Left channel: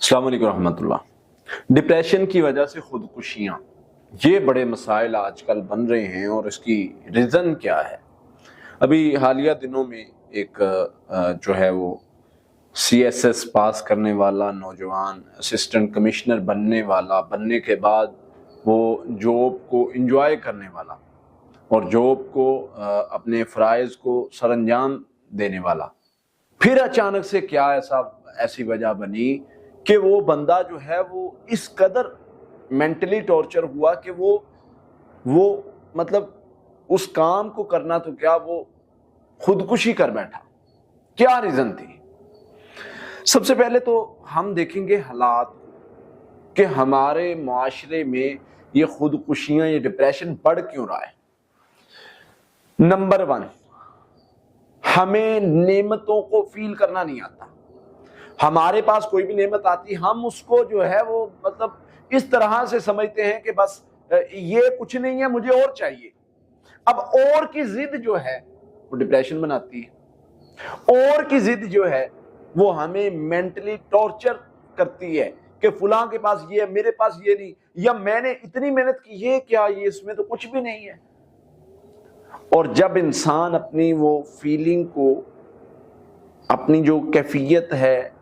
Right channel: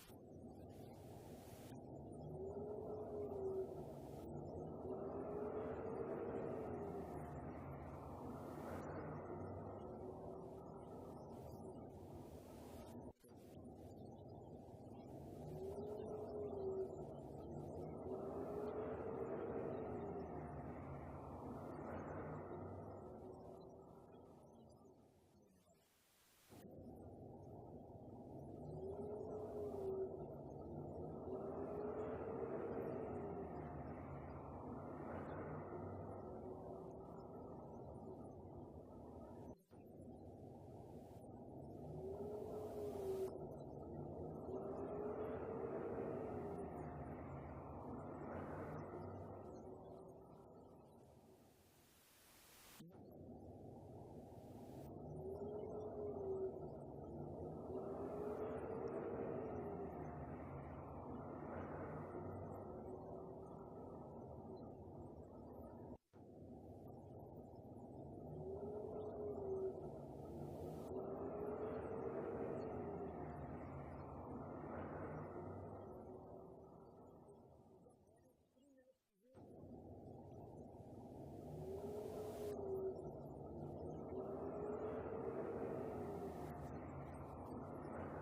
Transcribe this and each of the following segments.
अस्सलाम वालेकुम रहमतुल्लाह। डिप्रेशन की वजह से खुदकुशियाँ, ये बड़े मसाइल आजकल बन रहे हैं और इसकी रीज़न क्या है। अभी हालिया दिनों में एक जो है वो CSS पास करने वाला नौजवान असिस्टेंट कमिश्नर बनने के बाद वो जॉब को इंजॉय करने वाला और जॉब को अपने फ़राइज़ को सरअंजाम देने वाला, फिर अचानक से क्या ऐसी वजह बनी कि वो बंदा जो है वो इस कदर मेंटली टॉर्चर हुआ कि वो मतलब उस काम को करना तो क्या, वो खुदकुशी कर बैठा। क्या रीजन थी? सबसे पहले तो हम देखेंगे हालात कि हमारे मुआशरे में ये खुदकुशियां, ये डिप्रेशन बढ़ क्यों रहा है। नंबर 1, हमें नेमतों को फील करना नहीं आता। हमारे पास कोई भी नेमत आती, हम उसको जो है वो मतलब इस तरह से समझते हैं कि बस ये कुछ नहीं है, मुझे और चाहिए। अब और की जिद जो है वो डिप्रेशन बनाती है। और की जिद जो है वो हमें मेंटली टॉर्चर करती है कि फलां के पास ये है, मेरे पास ये नहीं, या मैंने इतनी मेहनत की, ये क्या, ये इसमें तो कुछ भी नहीं है। और जब इंसान अपनी वो फीलिंग को, अपनी जो कैफियत है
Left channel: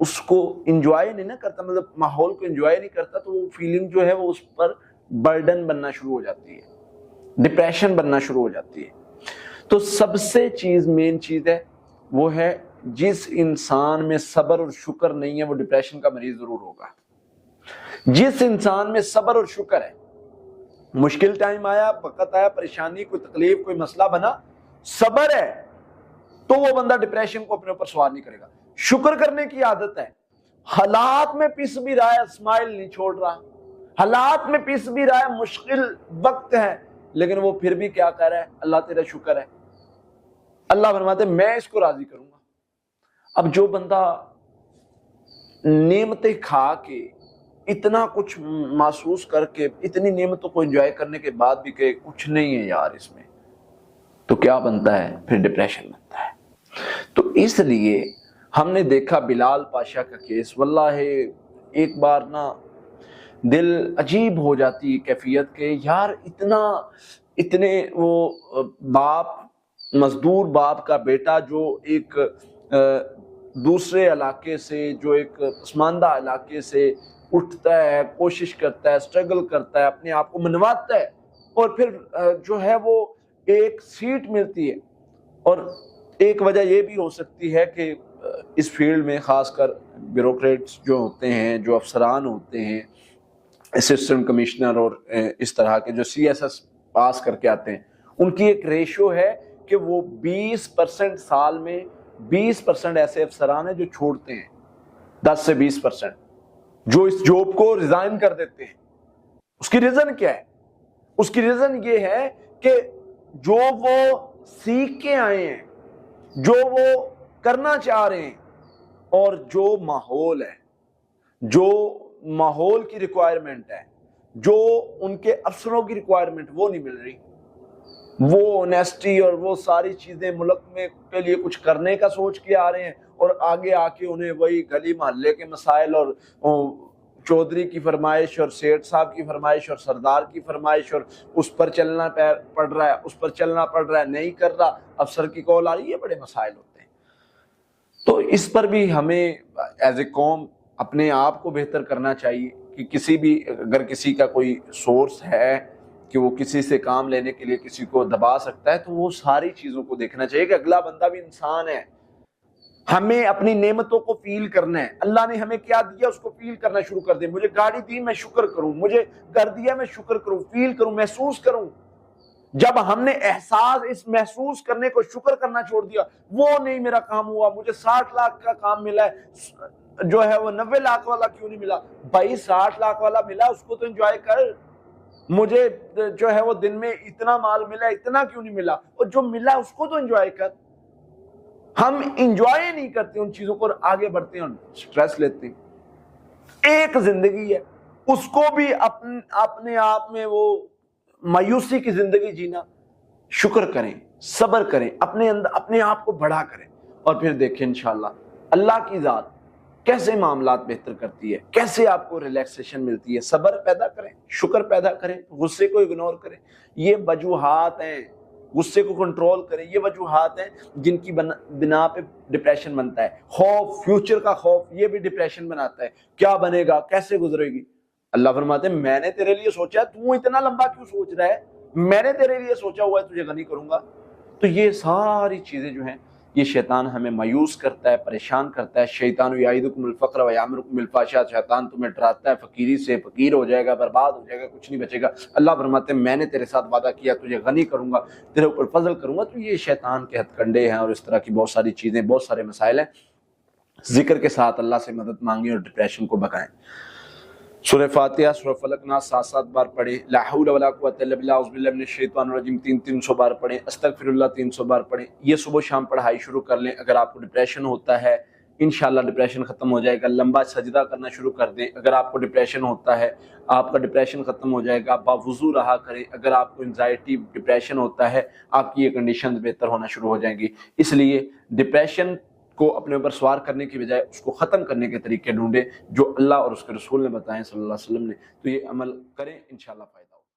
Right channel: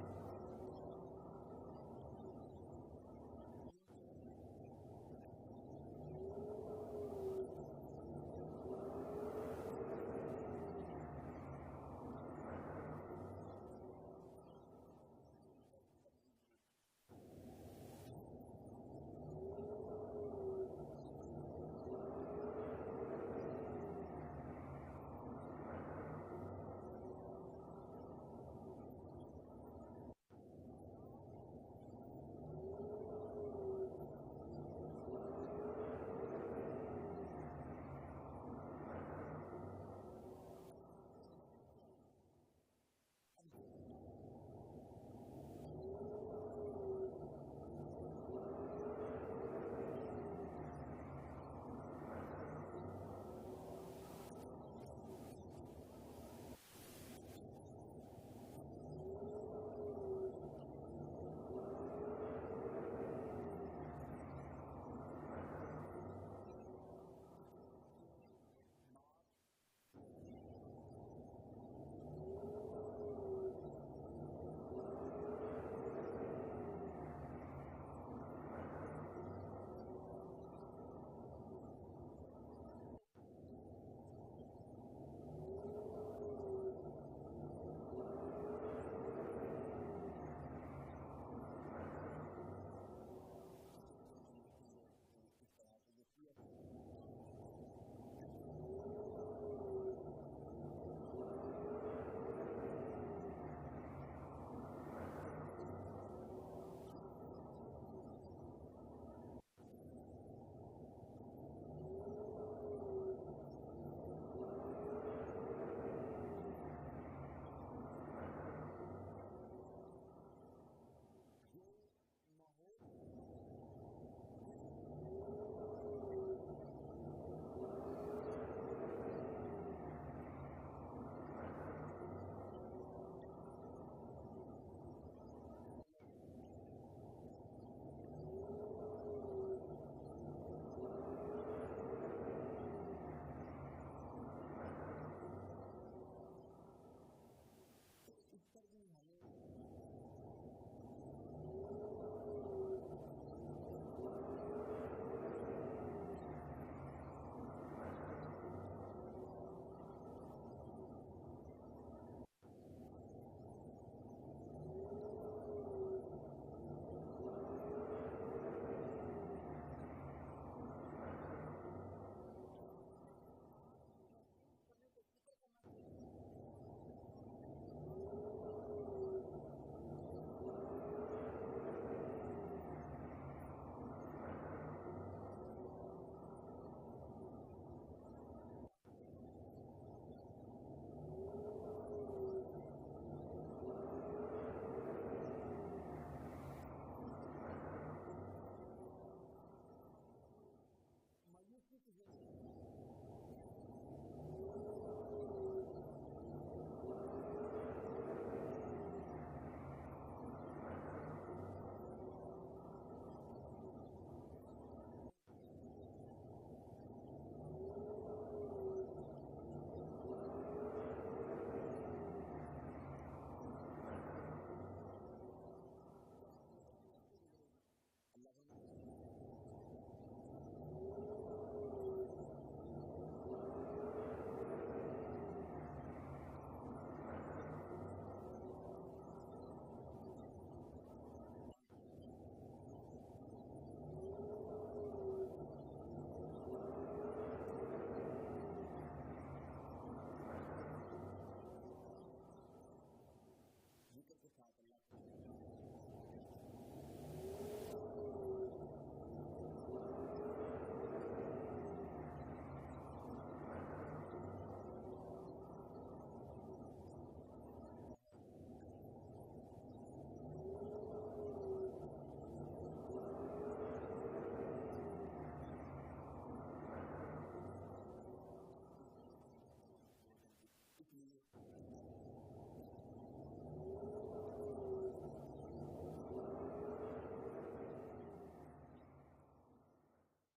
उसको इंजॉय नहीं ना करता, मतलब माहौल को इंजॉय नहीं करता, तो वो फीलिंग जो है वो उस पर बर्डन बनना शुरू हो जाती है, डिप्रेशन बनना शुरू हो जाती है। तो सबसे मेन चीज है वो है, जिस इंसान में सब्र और शुक्र नहीं है वो डिप्रेशन का मरीज जरूर होगा। जिस इंसान में सब्र और शुक्र है, मुश्किल टाइम आया, वक्त आया, परेशानी, कोई तकलीफ, कोई मसला बना, सब्र है, तो वो बंदा डिप्रेशन को अपने ऊपर सवार नहीं करेगा। शुक्र करने की आदत है, हालात में पिस भी रहा है, स्माइल नहीं छोड़ रहा, हालात में पिस भी रहा है, मुश्किल वक्त है, लेकिन वो फिर भी क्या कह रहा है, अल्लाह तेरा शुक्र है। अल्लाह फरमाते मैं इसको राजी करूंगा। अब जो बंदा नेमतें खा के, इतना कुछ महसूस करके, इतनी नेमतों को एंजॉय करने के बाद भी कहे कुछ नहीं है यार इसमें, तो क्या बनता है, फिर डिप्रेशन बनता है। तो इसलिए हमने देखा बिलाल पाशा का केस, वल्लाह एक बार ना दिल अजीब हो जाती है कैफियत के, यार इतने वो बाप, मजदूर बाप का बेटा जो एक दूसरे इलाके से, जो एक पसमानदा इलाके से उठता है, कोशिश करता है, स्ट्रगल करता है, अपने आप को मनवाता है, और फिर जो है वो एक सीट मिलती है। और एक वजह ये भी हो सकती है कि इस फील्ड में खासकर ब्यूरोक्रेट्स जो होते हैं, जो अफसरान होते हैं, असिस्टेंट कमिश्नर और इस तरह के जो CSS पास करके आते हैं, उनकी एक रेशो है कि वो 20% साल में 20% ऐसे अफसरान हैं जो छोड़ते हैं, 10 से 20% जो इस जॉब को रिजाइन कर देते हैं। उसकी रीजन क्या है? उसकी रीजन ये है कि जो वो सीख के आए हैं, जो वो करना चाह रहे हैं, और जो माहौल है, जो माहौल की रिक्वायरमेंट है, जो उनके अफसरों की रिक्वायरमेंट, वो नहीं मिल रही। वो ऑनेस्टी और वो सारी चीजें मुल्क में के लिए कुछ करने का सोच के आ रहे हैं, और आगे आके उन्हें वही गली मोहल्ले के मसाइल और चौधरी की फरमाइश और सेठ साहब की फरमाइश और सरदार की फरमाइश, और उस पर चलना पड़ रहा है, उस पर चलना पड़ रहा है, नहीं कर रहा, अफसर की कॉल आ रही है, बड़े मसाइल होते हैं। तो इस पर भी हमें एज ए कौम अपने आप को बेहतर करना चाहिए कि किसी भी, अगर किसी का कोई सोर्स है कि वो किसी से काम लेने के लिए किसी को दबा सकता है, तो वो सारी चीज़ों को देखना चाहिए कि अगला बंदा भी इंसान है। हमें अपनी नेमतों को फील करना है। अल्लाह ने हमें क्या दिया उसको फील करना शुरू कर दे। मुझे गाड़ी दी, मैं शुक्र करूं, मुझे कर दिया, मैं शुक्र करूं, फील करूं, महसूस करूं। जब हमने एहसास, इस महसूस करने को, शुक्र करना छोड़ दिया, वो नहीं मेरा काम हुआ, मुझे 60 लाख का काम मिला है, जो है वो 90 लाख वाला क्यों नहीं मिला? भाई 60 लाख वाला मिला, उसको तो एंजॉय कर। मुझे जो है वो दिन में इतना माल मिला, इतना क्यों नहीं मिला? और जो मिला उसको तो एंजॉय कर। हम इंजॉय नहीं करते उन चीजों को, आगे बढ़ते हैं और स्ट्रेस लेते हैं। एक जिंदगी है, उसको भी अपने आप में वो मायूसी की जिंदगी जीना। शुक्र करें, सब्र करें, अपने अंदर अपने आप को बड़ा करें, और फिर देखें इंशाल्लाह अल्लाह की जात کیسے معاملات بہتر کرتی ہے، کیسے آپ کو ریلیکسیشن ملتی ہے۔ صبر پیدا کریں، شکر پیدا کریں، غصے کو اگنور کریں۔ یہ وجوہات ہیں، غصے کو کنٹرول کریں، یہ وجوہات ہیں جن کی بنا پہ ڈپریشن بنتا ہے۔ خوف، فیوچر کا خوف، یہ بھی ڈپریشن بناتا ہے۔ کیا بنے گا، کیسے گزرے گی۔ اللہ فرماتے ہیں میں نے تیرے لیے سوچا ہے، تو اتنا لمبا کیوں سوچ رہا ہے، میں نے تیرے لیے سوچا ہوا ہے، تجھے غنی کروں گا۔ تو یہ ساری چیزیں جو ہیں یہ شیطان ہمیں مایوس کرتا ہے، پریشان کرتا ہے۔ شیطان یعیدکم الفقر ویامرکم بالفحشاء، شیطان تمہیں ڈراتا ہے فقیری سے، فقیر ہو جائے گا، برباد ہو جائے گا، کچھ نہیں بچے گا۔ اللہ فرماتے ہیں میں نے تیرے ساتھ وعدہ کیا، تجھے غنی کروں گا، تیرے اوپر فضل کروں گا۔ تو یہ شیطان کے ہتھ کنڈے ہیں، اور اس طرح کی بہت ساری چیزیں، بہت سارے مسائل ہیں۔ ذکر کے ساتھ اللہ سے مدد مانگیں اور ڈپریشن کو بھگائیں۔ سورہ فاتحہ، سورہ فلق ناس 7 بار پڑھیں، لا حول ولا قوت الا باللہ، اعوذ باللہ من الشیطان الرجیم 300 بار پڑھیں، استغفر اللہ 300 بار پڑھیں۔ یہ صبح شام پڑھائی شروع کر لیں۔ اگر آپ کو ڈپریشن ہوتا ہے انشاءاللہ ڈپریشن ختم ہو جائے گا۔ لمبا سجدہ کرنا شروع کر دیں۔ اگر آپ کو ڈپریشن ہوتا ہے آپ کا ڈپریشن ختم ہو جائے گا۔ باوضو رہا کریں۔ اگر آپ کو انزائٹی ڈپریشن ہوتا ہے آپ کی یہ کنڈیشنز بہتر ہونا شروع ہو جائیں گی۔ اس لیے ڈپریشن کو اپنے اوپر سوار کرنے کی بجائے اس کو ختم کرنے کے طریقے ڈھونڈیں جو اللہ اور اس کے رسول نے بتائیں صلی اللہ علیہ وسلم نے۔ تو یہ عمل کریں، انشاءاللہ فائدہ